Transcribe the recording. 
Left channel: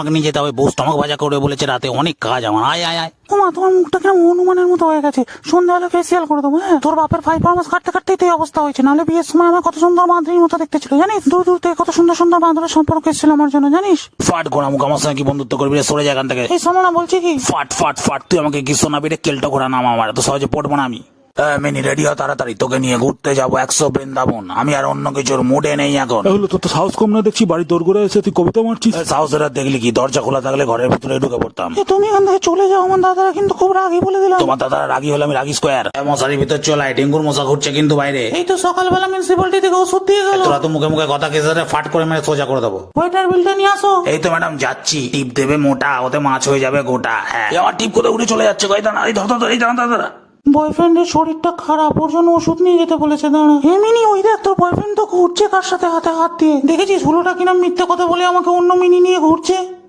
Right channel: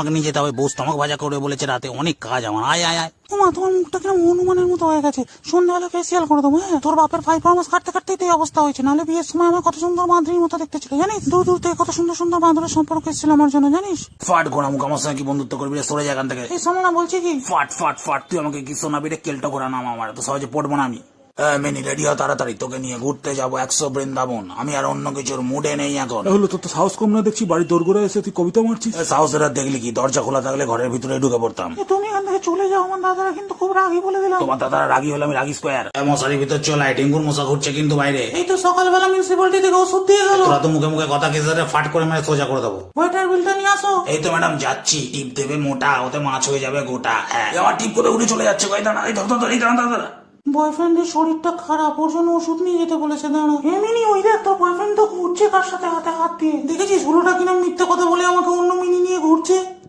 আমাকে নিয়ে যেতে হবে, বউ স্টমাক ভাজা করে বলেছে রাতে, অনেক কাজ আমার। আয় আয় আয়। ওমা, তোমার মুখটা কেমন হনুমানের মতো হয়ে গেছে, সন্ধ্যাবেলা ফেসিয়াল করে দেবো। হ্যাঁ, তোর বাপের 5 মাস কাটতে কাটতেই তো এই অবস্থা হয়েছে, নাহলে বিয়ের সময় আমার কত সুন্দর বাঁধরির মতো দেখতে ছিল জানিস। দূর দূর থেকে কত সুন্দর সুন্দর বাঁধরের সম্পর্ক এসেছিল আমার জন্য জানিস। ফাট ঘোড়া মুখ, আমার সঙ্গে কি বন্ধুত্ব করবি রে? সরে যা এখান থেকে। এই শোনো না, বলছি কি, ফাট ফাট ফাট, তুই আমাকে কি শোনাবি রে? কেলটো ঘোড়া নাম আমার, তো সহজে পড়বো না আমি। মিনি রেডি হ তাড়াতাড়ি, তোকে নিয়ে ঘুরতে যাবো 100 বৃন্দাবন। আমি আর অন্য কিছুর মুডে নেই এখন। তাহলে তোর তো সাহস কম না দেখছি, বাড়ি দৌড় করে এসে তুই কবিতা মারছিস। সাহসের আর দেখলি কি, দরজা খোলা থাকলে ঘরের ভিতরে ঢুকে পড়তাম। তুমি এখান থেকে চলে যাও, আমার দাদারা কিন্তু খুব রাগি বলে দিলাম। তোমার দাদারা রাগি হলে আমি রাগি স্কোয়ার। মশারির ভিতর চলায়, ডেঙ্গুর মশা ঘুরছে কিন্তু বাইরে। এই তো সকালবেলা মিউনিসিপ্যালিটি থেকে ওষুধ দিয়ে গেল। তোরা তো মুখে মুখে কথা কেসে ফাট করে মেরে সোজা করে দেবো। ওয়েটার বিলটা নিয়ে আসো। এই তো ম্যাডাম যাচ্ছি। টিপ দেবে মোটা, ওতে মাছ হয়ে যাবে গোটা। হ্যাঁ, আমার টিপ করে উঠে চলে যাচ্ছে। কই দাঁড়া, এই ধর ধর, এই দাঁড়া দাঁড়া। বয়ফ্রেন্ডের শরীরটা খারাপ, ওর জন্য ওষুধ নিয়ে যেতে বলেছে। দাঁড়া, এমনি ওই দেখ, তোর বয়ফ্রেন্ড তো ঘুরছে কার সাথে হাতে হাত দিয়ে। দেখেছিস হুলোটা কিনা মিথ্যে কথা বলে আমাকে অন্য মিনি নিয়ে ঘুরছে।